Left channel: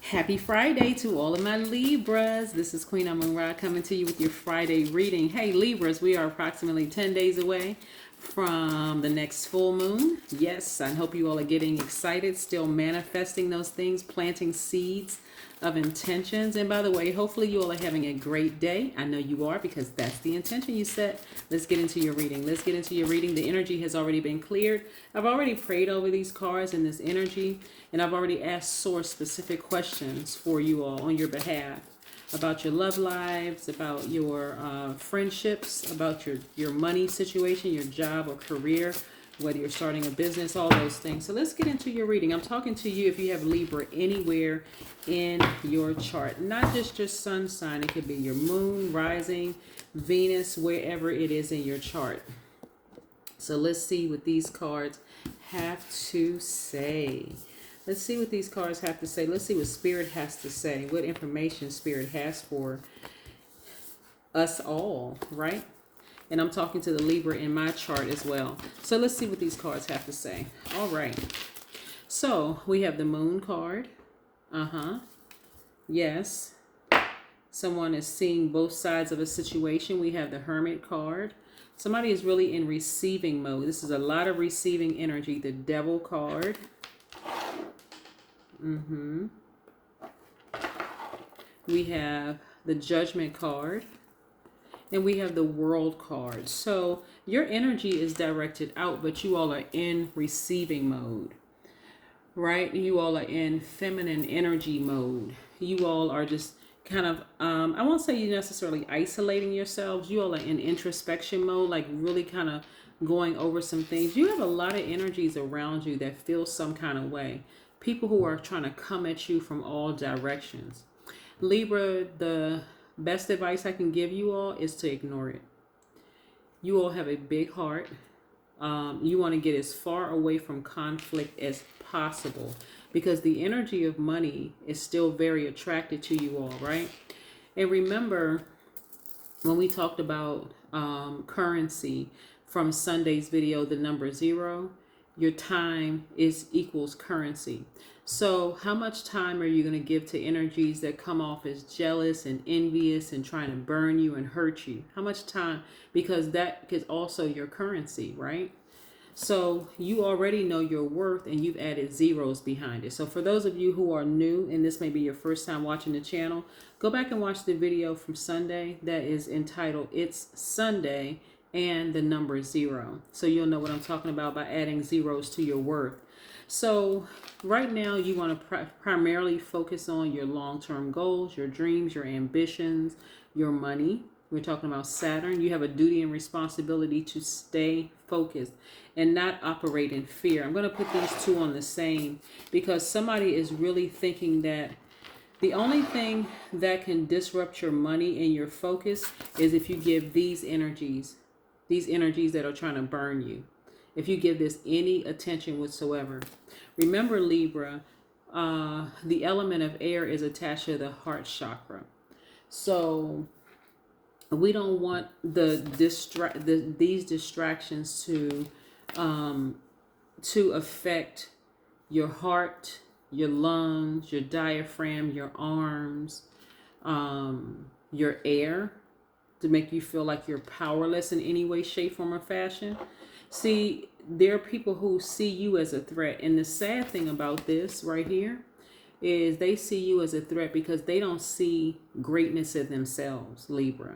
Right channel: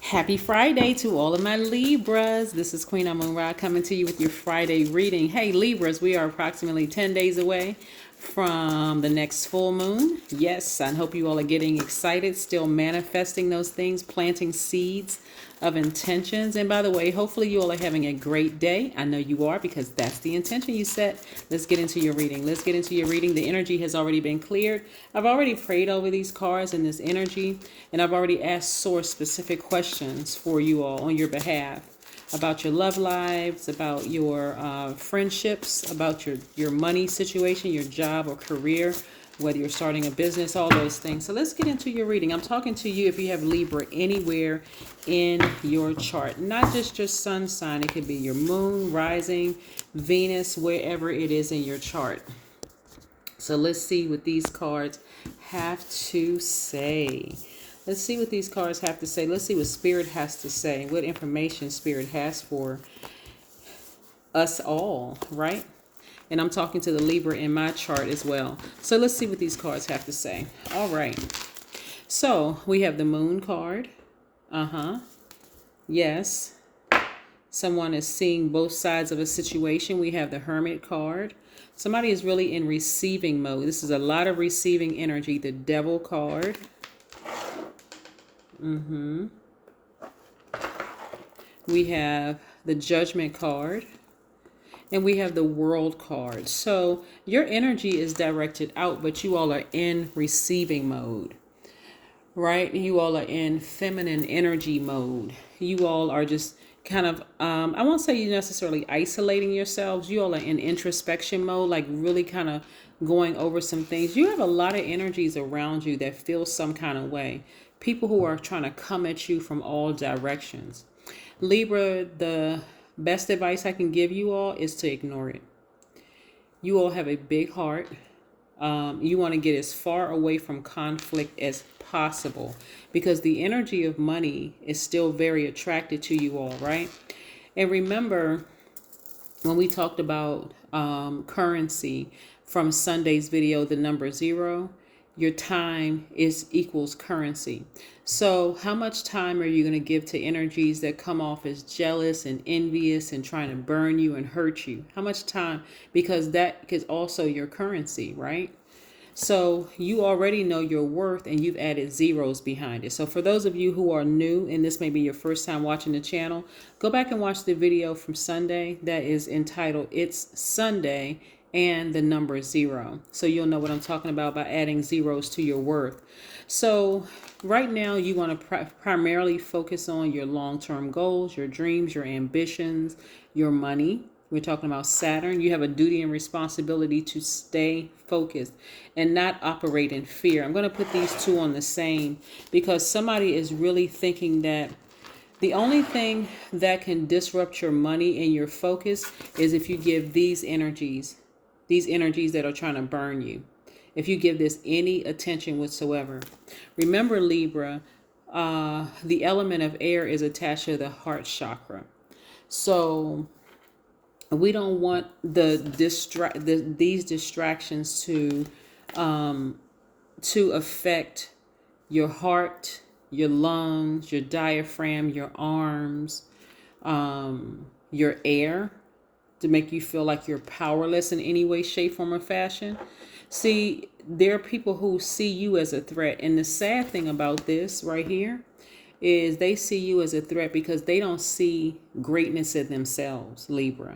Happy Friday to all of my Libras. This is Queen Amun Ra coming to you with your Friday reading. Hey Libras, we are approximately 10 days away from the next full moon. Yes, I hope you all are getting excited, still manifesting those things, planting seeds of intentions. And by the way, hopefully you all are having a great day. I know you are because that's the intention you set. Let's get into your reading. Let's get into your reading. The energy has already been cleared. I've already prayed over these cards and this energy, and I've already asked source specific questions for you all on your behalf about your love lives, about your friendships, about your money situation, your job or career, whether you're starting a business, all those things. So let's get into your reading. I'm talking to you if you have Libra anywhere in your chart, not just your sun sign. It could be your moon, rising, Venus, wherever it is in your chart. So let's see what these cards have to say. Let's see what these cards have to say. Let's see what Spirit has to say, what information Spirit has for us all, right? And I'm talking to the Libra in my chart as well. So let's see what these cards have to say. All right. So we have the Moon card. Yes. Someone is seeing both sides of a situation. We have the Hermit card. Somebody is really in receiving mode. This is a lot of receiving energy. The Devil card. We have the Judgment card. And we have the World card. So your energy is directed out, but you all are in receiving mode, right? You all are in feminine energy mode. You all are just kind of, I won't say you're necessarily isolating yourselves. You all are in introspection mode, like really kind of going over some things. You have a lot of energies around you that feel some kind of way. People who are trying to come at you from all directions. Libra, the best advice I can give you all is to ignore it. You all have a big heart. You want to get as far away from conflict as possible because the energy of money is still very attracted to you all, right? And remember when we talked about currency from Sunday's video, the number 0, your time is equals currency. So how much time are you going to give to energies that come off as jealous and envious and trying to burn you and hurt you? How much time? Because that is also your currency, right? So you already know your worth and you've added zeros behind it. So for those of you who are new and this may be your first time watching the channel, go back and watch the video from Sunday that is entitled It's Sunday and the number 0. So you'll know what I'm talking about by adding zeros to your worth. So right now you want to primarily focus on your long-term goals, your dreams, your ambitions, your money. We're talking about Saturn. You have a duty and responsibility to stay focused and not operate in fear. I'm going to put these two on the same because somebody is really thinking that the only thing that can disrupt your money and your focus is if you give these energies that are trying to burn you. If you give this any attention whatsoever. Remember, Libra, the element of air is attached to the heart chakra. So we don't want these distractions to affect your heart, your lungs, your diaphragm, your arms, your air, to make you feel like you're powerless in any way, shape, form, or fashion. See, there are people who see you as a threat. And the sad thing about this right here is they see you as a threat because they don't see greatness in themselves, Libra,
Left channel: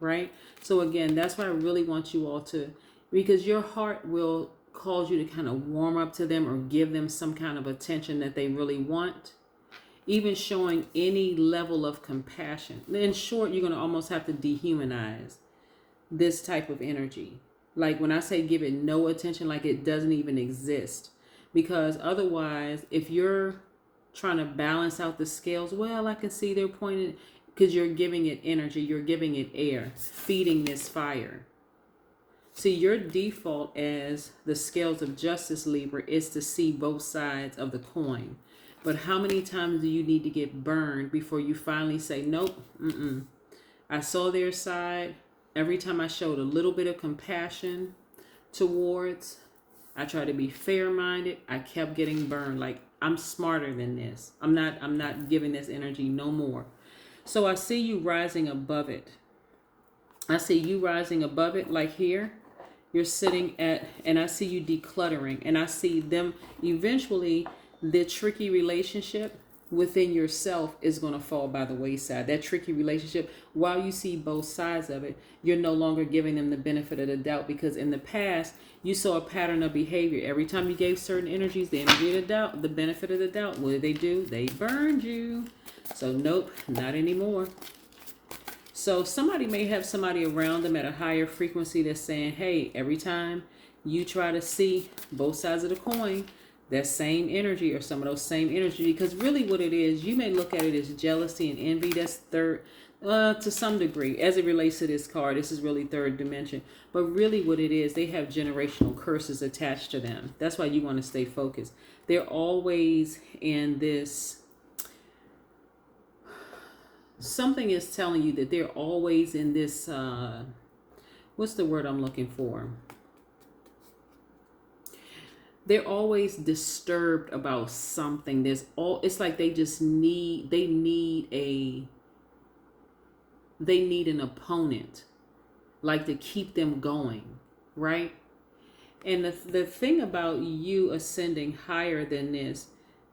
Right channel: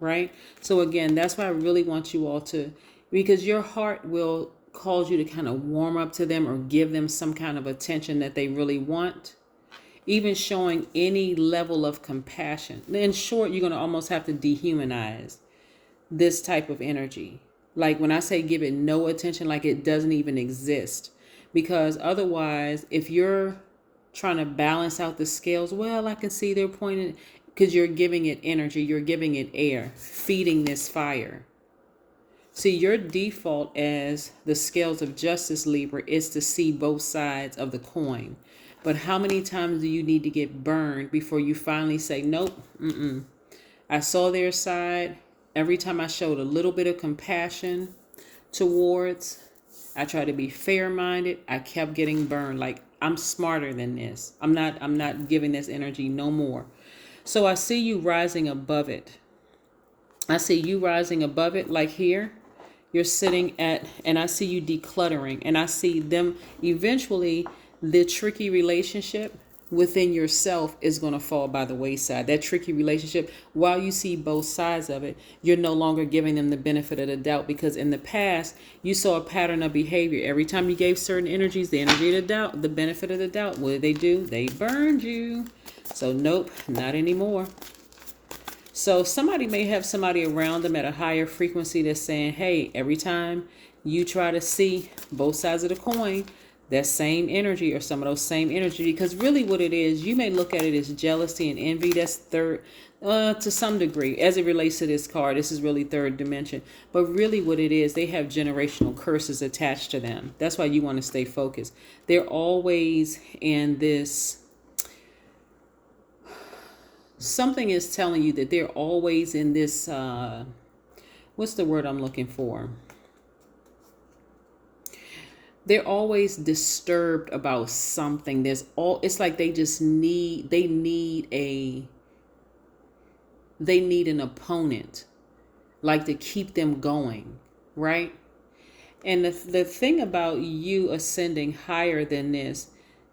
right? So again, that's why I really want you all to, because your heart will cause you to kind of warm up to them or give them some kind of attention that they really want. Even showing any level of compassion. In short, you're going to almost have to dehumanize this type of energy. Like when I say give it no attention, like it doesn't even exist. Because otherwise, if you're trying to balance out the scales, well, I can see they're pointing, because you're giving it energy, you're giving it air, feeding this fire. See, your default as the scales of justice, Libra, is to see both sides of the coin. But how many times do you need to get burned before you finally say, nope, I saw their side. Every time I showed a little bit of compassion towards, I tried to be fair-minded, I kept getting burned. Like I'm smarter than this. I'm not giving this energy no more. So I see you rising above it. I see you rising above it, like here. You're sitting at, and I see you decluttering, and I see them eventually, the tricky relationship within yourself is going to fall by the wayside. That tricky relationship, while you see both sides of it, you're no longer giving them the benefit of the doubt, because in the past you saw a pattern of behavior. Every time you gave certain energies the energy of the doubt, the benefit of the doubt, what did they do? They burned you. So nope, not anymore. So somebody may have somebody around them at a higher frequency that's saying, hey, every time you try to see both sides of the coin, that same energy or some of those same energy, because really what it is, you may look at it as jealousy and envy. That's third, to some degree, as it relates to this card. This is really third dimension. But really what it is, they have generational curses attached to them. That's why you want to stay focused. They're always in this, something is telling you that they're always in this, what's the word I'm looking for? They're always disturbed about something. It's like they just need an opponent, like, to keep them going, right? And the thing about you ascending higher than this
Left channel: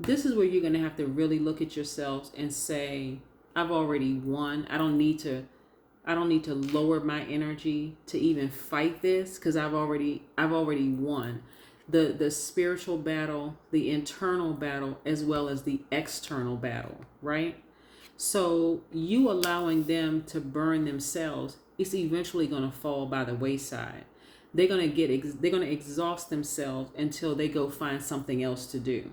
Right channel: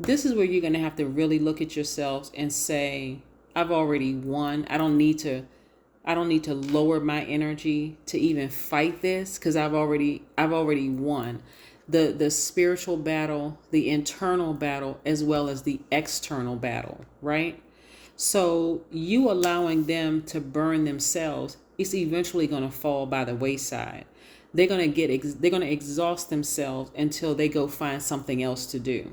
is where you're going to have to really look at yourselves and say, I've already won. I don't need to lower my energy to even fight this, because I've already won the spiritual battle, the internal battle, as well as the external battle, right? So you allowing them to burn themselves, it's eventually going to fall by the wayside. They're going to exhaust themselves until they go find something else to do.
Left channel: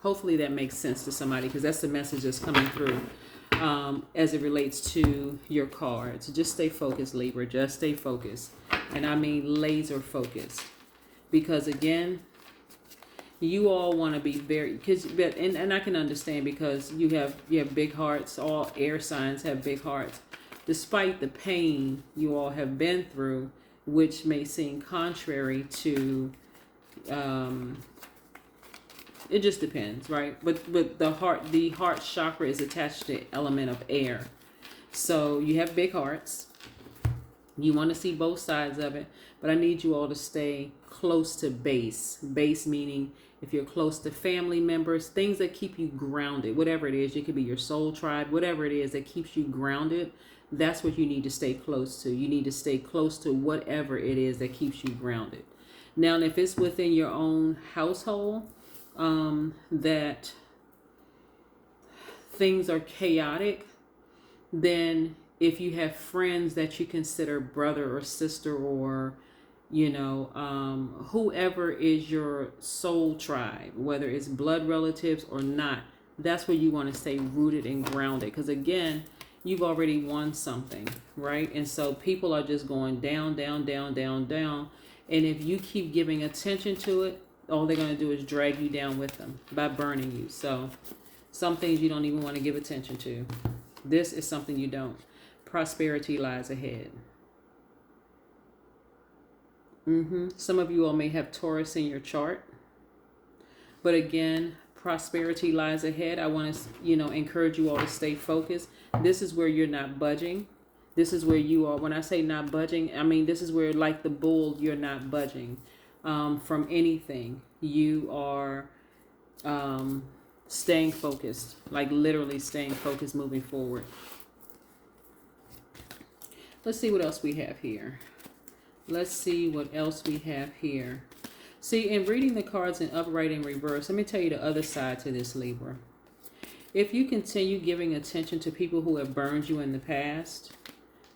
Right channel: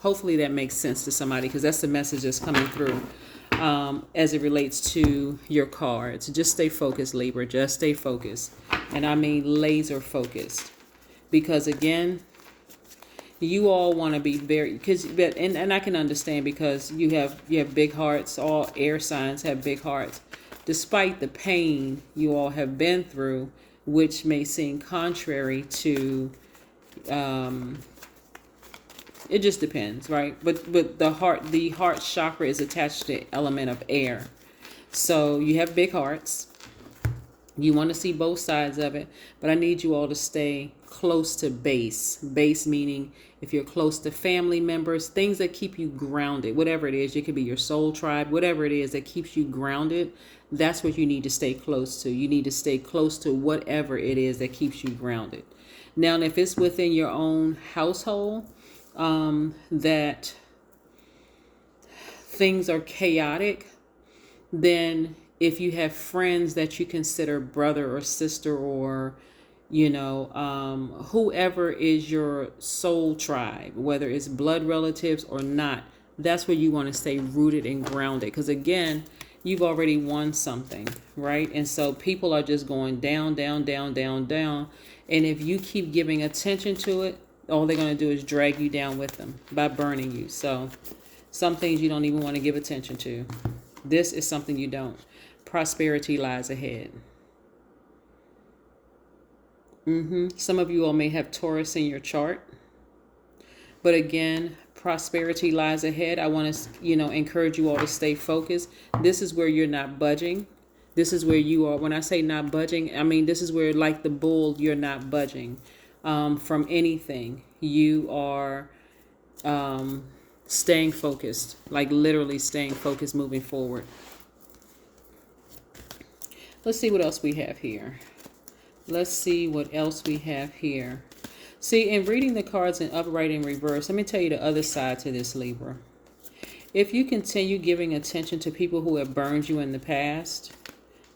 Hopefully that makes sense to somebody, because that's the message that's coming through. As it relates to your cards. Just stay focused, Libra. Just stay focused. And I mean laser focused. Because again, you all want to be very, and I can understand, because you have big hearts. All air signs have big hearts. Despite the pain you all have been through, which may seem contrary to it just depends, right? But the heart chakra is attached to the element of air. So you have big hearts. You want to see both sides of it, but I need you all to stay close to base. Base meaning if you're close to family members, things that keep you grounded, whatever it is. It could be your soul tribe, whatever it is that keeps you grounded. That's what you need to stay close to. You need to stay close to whatever it is that keeps you grounded. Now, if it's within your own household, that things are chaotic, then if you have friends that you consider brother or sister, or whoever is your soul tribe, whether it's blood relatives or not, that's where you want to stay rooted and grounded, because again, you've already won something, right? And so people are just going down, down, down, down, down, and if you keep giving attention to it, all they're going to do is drag you down with them by burning you. So some things you don't even want to give attention to. This is something you don't. Prosperity lies ahead. Some of you all may have Taurus in your chart. But again, prosperity lies ahead. I want to, encourage you all to stay focused. This is where you're not budging. This is where you are. When I say not budging, I mean this is where, like the bull, you're not budging. From anything. You are staying focused, like literally staying focused, moving forward. Let's see what else we have here. See, in reading the cards in upright and reverse, let me tell you the other side to this, Libra. If you continue giving attention to people who have burned you in the past,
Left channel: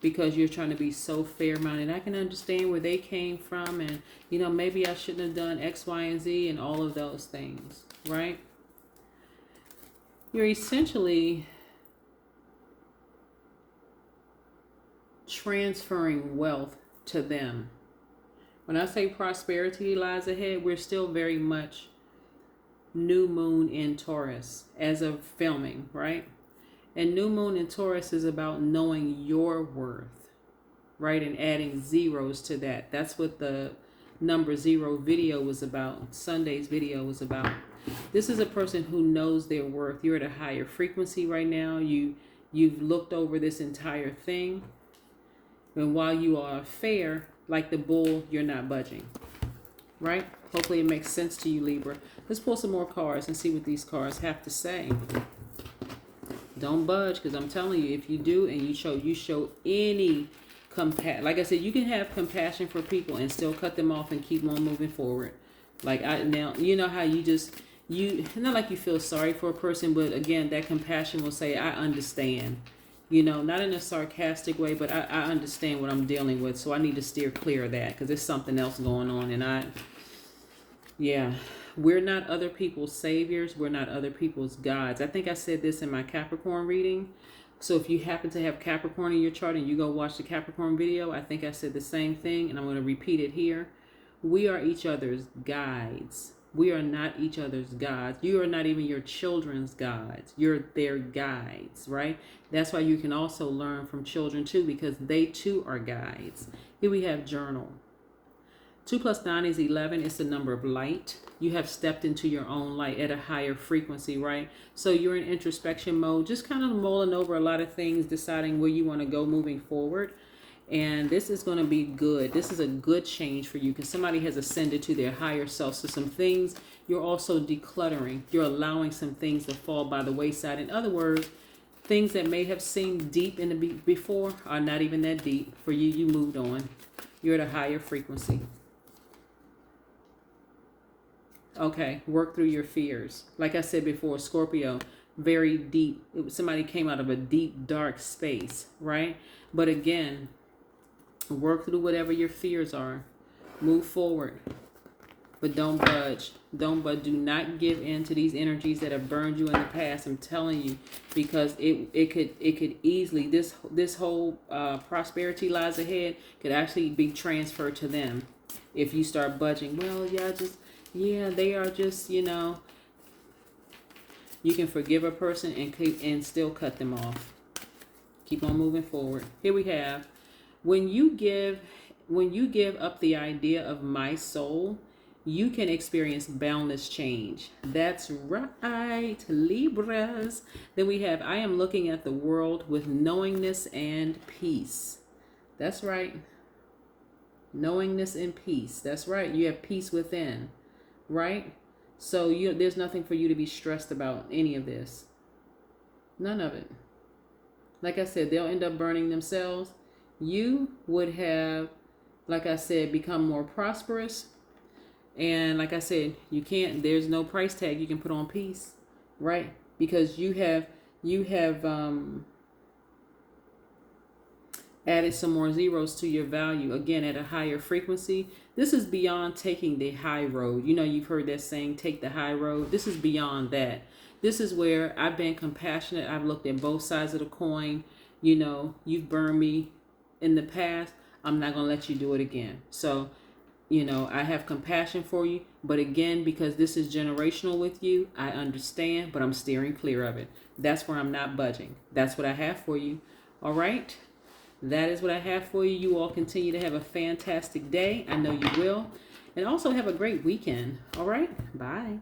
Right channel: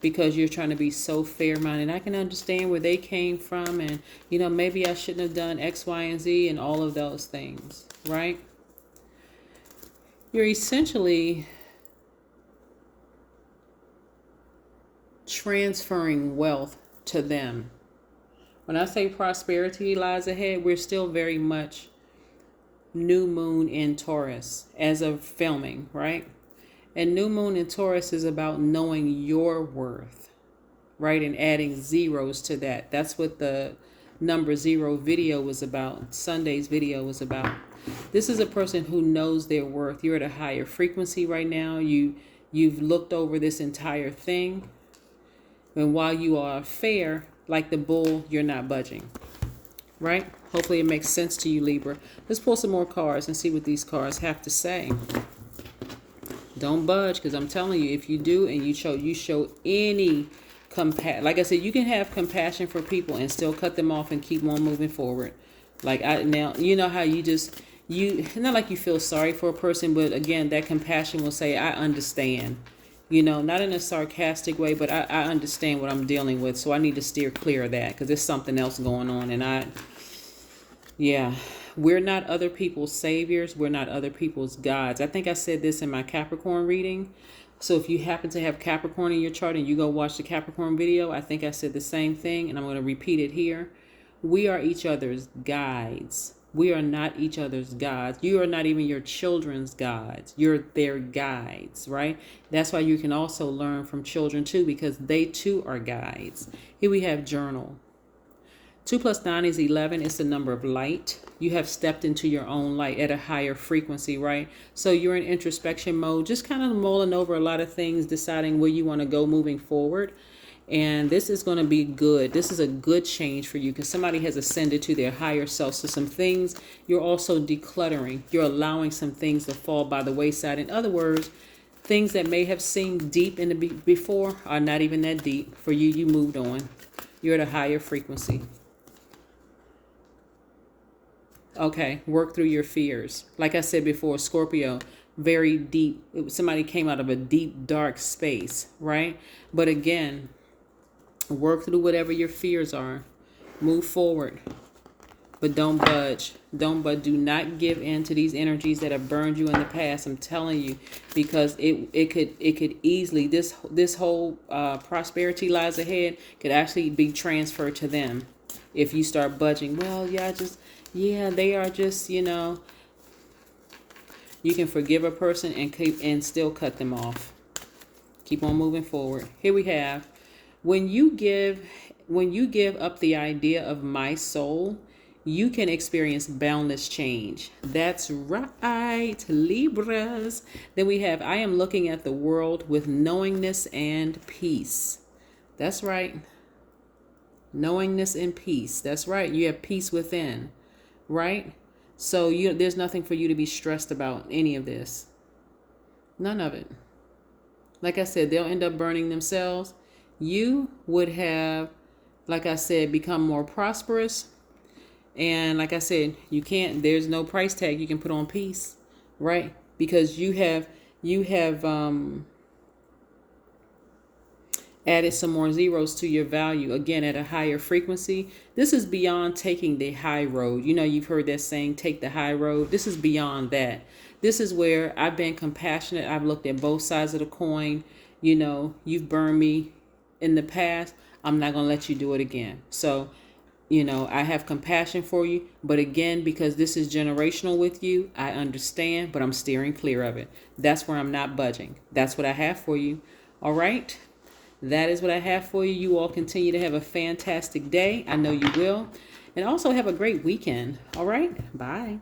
because you're trying to be so fair-minded, I can understand where they came from, and maybe I shouldn't have done X, Y, and Z, and all of those things, right? You're essentially transferring wealth to them. When I say prosperity lies ahead, we're still very much new moon in Taurus as of filming, right? And new moon in Taurus is about knowing your worth, right? And adding zeros to that. That's what the number 0 video was about. Sunday's video was about. This is a person who knows their worth. You're at a higher frequency right now. You've looked over this entire thing. And while you are fair, like the bull, you're not budging. Right? Hopefully it makes sense to you, Libra. Let's pull some more cards and see what these cards have to say. Don't budge, because I'm telling you, if you do and you show any compassion, like I said, you can have compassion for people and still cut them off and keep on moving forward. Like now, you know how you not like you feel sorry for a person, but again, that compassion will say, I understand. You know, not in a sarcastic way, but I understand what I'm dealing with, so I need to steer clear of that because there's something else going on. And yeah, we're not other people's saviors. We're not other people's gods. I think I said this in my Capricorn reading. So if you happen to have Capricorn in your chart and you go watch the Capricorn video, I think I said the same thing, and I'm going to repeat it here. We are each other's guides. We are not each other's gods. You are not even your children's gods. You're their guides, right? That's why you can also learn from children too, because they too are guides. Here we have journal. 2 + 9 is 11. It's the number of light. You have stepped into your own light at a higher frequency, right? So you're in introspection mode, just kind of mulling over a lot of things, deciding where you want to go moving forward. And this is going to be good. This is a good change for you because somebody has ascended to their higher self. So some things you're also decluttering. You're allowing some things to fall by the wayside. In other words, things that may have seemed deep in the before are not even that deep. For you, you moved on. You're at a higher frequency. Okay, work through your fears. Like I said before, Scorpio, very deep. Somebody came out of a deep, dark space, right? But again, work through whatever your fears are. Move forward. But don't budge. Do not give in to these energies that have burned you in the past. I'm telling you, because it could easily, this whole prosperity lies ahead could actually be transferred to them if you start budging. Well, they are just, you know. You can forgive a person and still cut them off. Keep on moving forward. Here we have, when you give up the idea of my soul, you can experience boundless change. That's right, Libras. Then we have, I am looking at the world with knowingness and peace. That's right. Knowingness and peace. That's right. You have peace within, right? So there's nothing for you to be stressed about any of this. None of it. Like I said, they'll end up burning themselves. You would have, like I said, become more prosperous. And like I said, there's no price tag you can put on peace, right? Because you have added some more zeros to your value, again, at a higher frequency. This is beyond taking the high road. You know, you've heard that saying, take the high road. This is beyond that. This is where I've been compassionate. I've looked at both sides of the coin. You know, you've burned me in the past. I'm not going to let you do it again. So, you know, I have compassion for you. But again, because this is generational with you, I understand, but I'm steering clear of it. That's where I'm not budging. That's what I have for you. All right. That is what I have for you. You all continue to have a fantastic day. I know you will. And also have a great weekend. All right. Bye.